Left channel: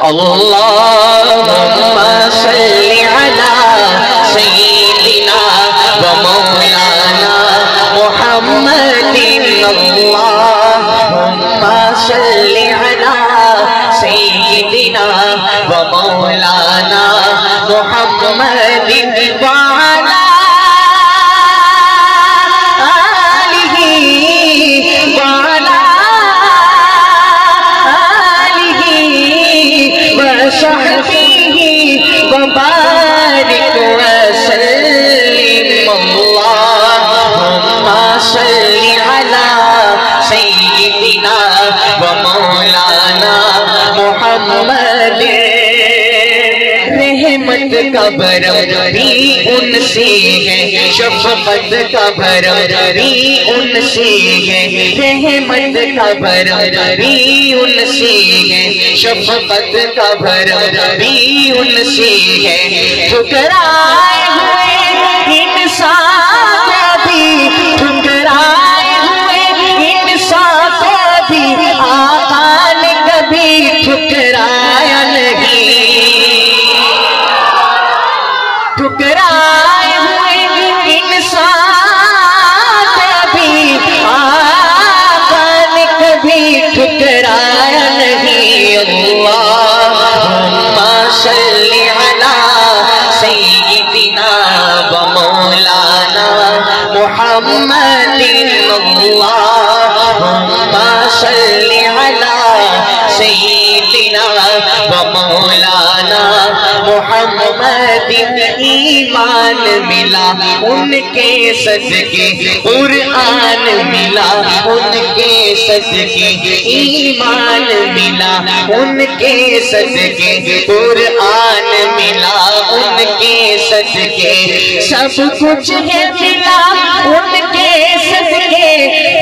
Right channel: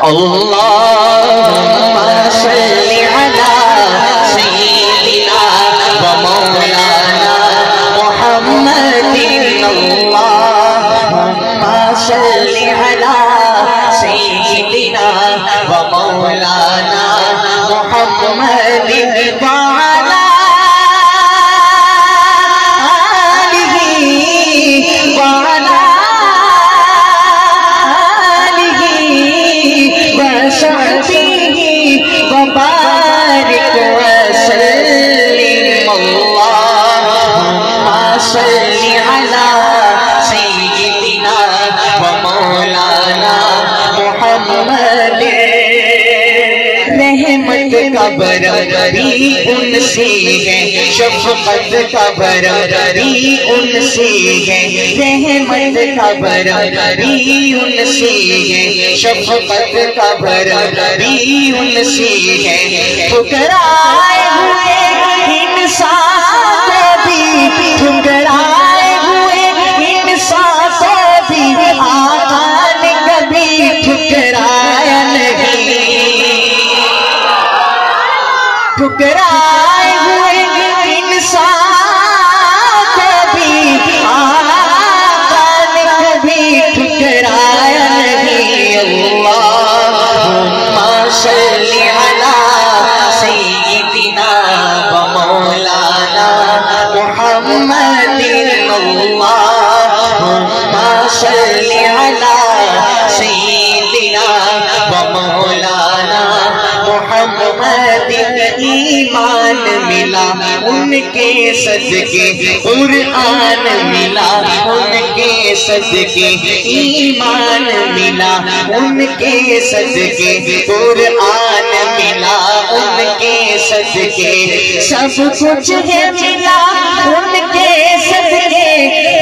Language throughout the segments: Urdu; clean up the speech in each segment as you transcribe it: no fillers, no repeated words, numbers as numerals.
اللهم صل على سيدنا ومولانا محمد اللهم صل على سيدنا ومولانا محمد وعلى آله وصحبه وبارك وسلم اللهم صل على سيدنا ومولانا محمد رحمت کا برابری ان سے ہے شفقت کا برابری ان سے ہے رحمت کا برابری ان سے ہے شفقت کا برابری ان سے ہے ٹھکرائے ہوئے انسان بھی ٹھکرائے ہوئے انسان بھی آقا نے کبھی ٹھکرایا نہیں ٹھکرائے ہوئے انسان کبھی آقا نے کبھی ٹھکرایا نہیں اللہم صل علی سیدنا ومولانا محمد اللہم صل علی سیدنا ومولانا محمد ایمان ملا ان کے صدقے قرآن ملا ان کے صدقے ایمان ملا ان کے صدقے قرآن ملا ان کے صدقے سب کچھ ہے ملا ان کے صدقے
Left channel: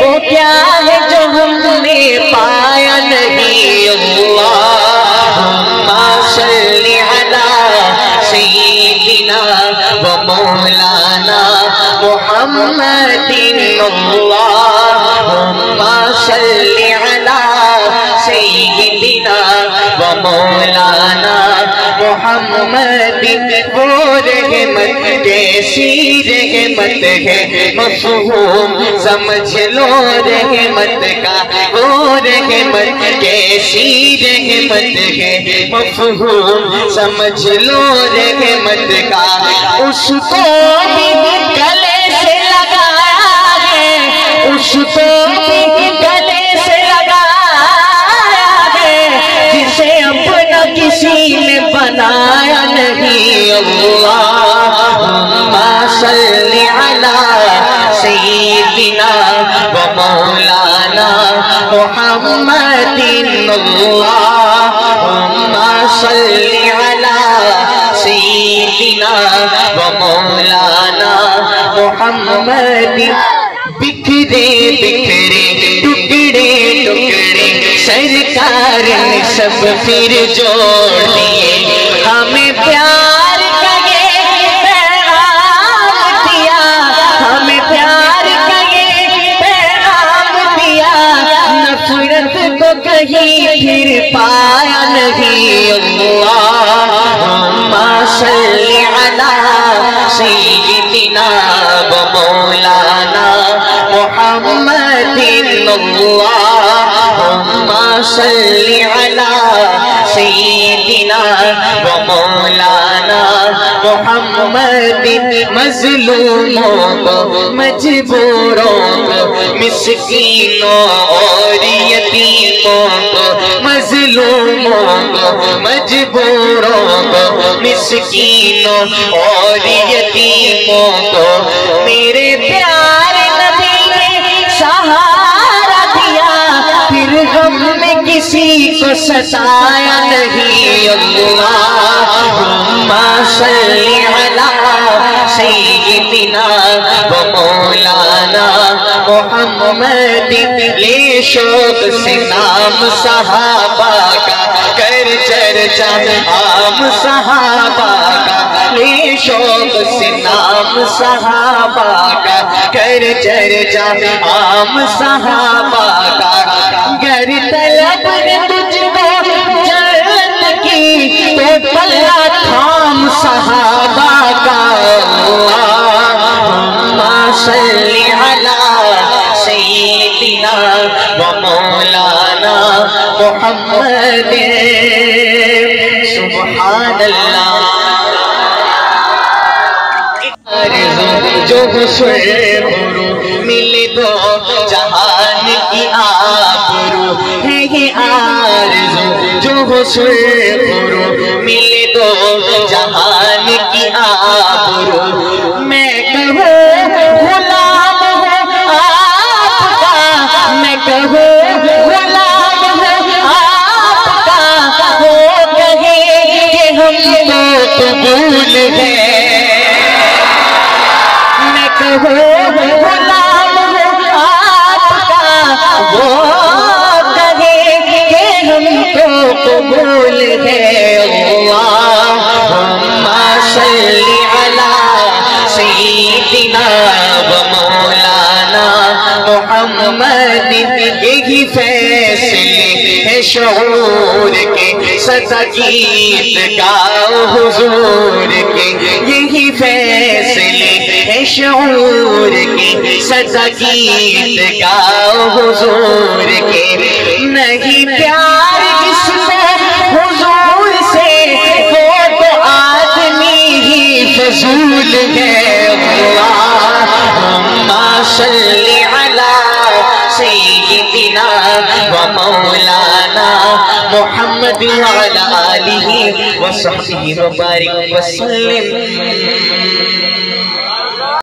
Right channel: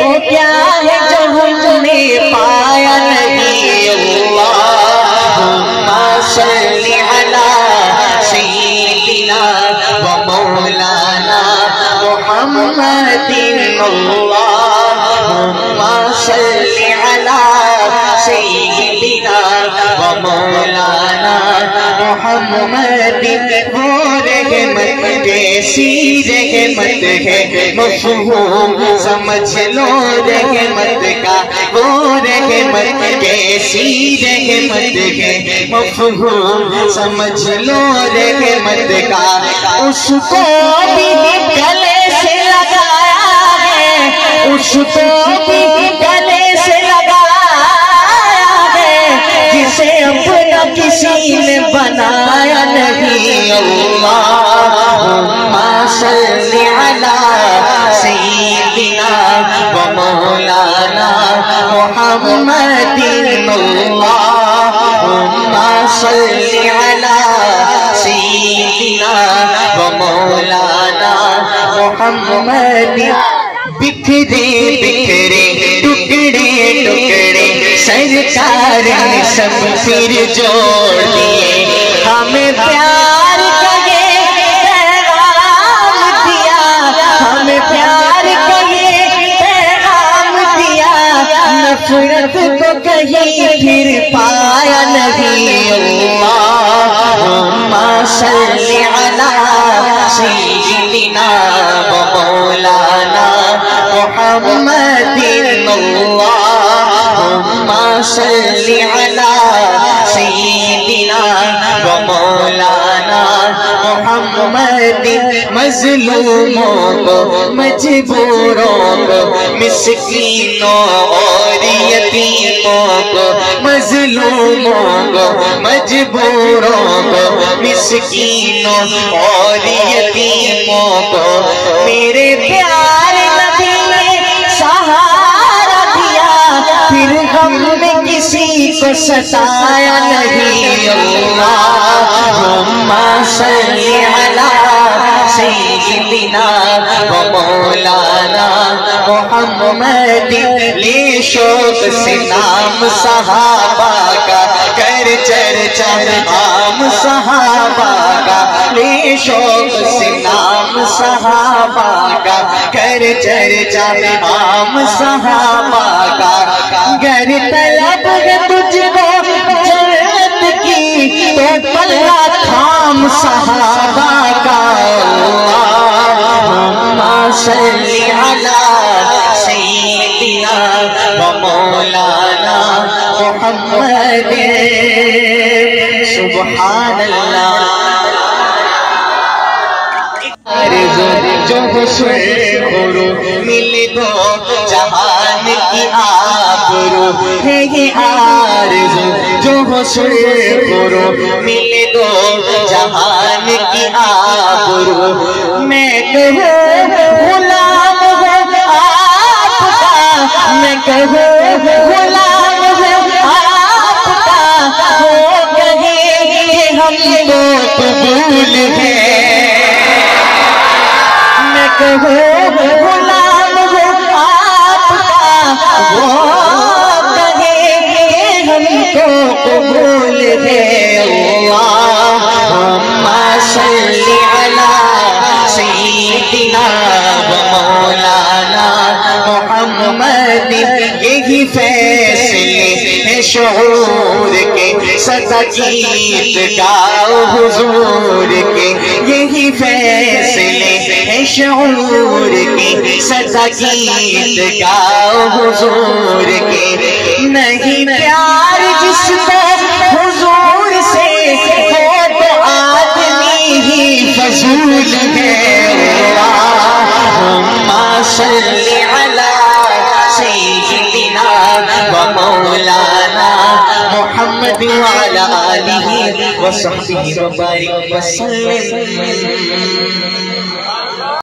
وہ کیا ہے جو ہم نے پایا نہیں اللہم صل علی سیدنا ومولانا محمد اللہم صل علی سیدنا ومولانا محمد وہ رحمت جیسی رحمت ہے مفہوم سمجھ لو رحمت کا وہ رحمت جیسی رحمت ہے مفہوم سمجھ لو رحمت کا اس کو بھی گلے سے لگایا ہے اس کو بھی گلے سے لگایا ہے جسے اپنا کسی نے بنایا نہیں اللہم صل علی سیدنا ومولانا محمد اللہم صل علی سیدنا ومولانا محمد بکھرے بکھرے ٹکڑے ٹکڑے سرکار نے سب پھر جوڑ دیے ہمیں پیار کا یہ پیغام دیا ہمیں پیار کا یہ پیغام دیا نفرت کو کہیں پھر پایا نہیں اللہم صل علی سیدنا ومولانا محمد اللہم صل علی سیدنا ومولانا محمد مظلوموں کو مجبوروں کو مسکینوں اور یتیموں کو مظلوموں کو مجبوروں کو مسکینوں اور یتیموں کو میرے پیارے نبی نے سہارا دیا پھر غم میں کسی کو ستایا نہیں اللہم صل علی سیدنا ومولانا محمد لے شوق سے نام صحابہ کا کر چرچا عام صحابہ کا لے شوق سے نام صحابہ کا کر چرچا عام صحابہ کا گر طلب ہے تجھ کو جنت کی تھام صحابہ کا اللہم صلی علی سیدنا و مولانا محمد سبحان اللہ جو حسن مل دو جہان کی آبرو ہے یہ آرزو جو حسن مل دو جہان کی آبرو میں کہوں غلام ہوں آپ کا میں کہوں غلام ہوں آپ کا وہ کہے کہ ہم کو قبول ہے غلام ہو آپ کا وہ کہے کہ ہم کو قبول ہے اللہم صلی علی سیدنا و مولانا محمد یہی فیصلے ہے شعور کے سدا گیت گاؤ حضور کے یہی فیصلے شعور کے سدا گیت گاؤ حضور کے نہیں پیار جس کو حضور سے وہ تو آدمی ہی فضول ہے اللہم صلی علی سیدنا و مولانا محمد وعلی آلہ وصحبہ وبارک وسلم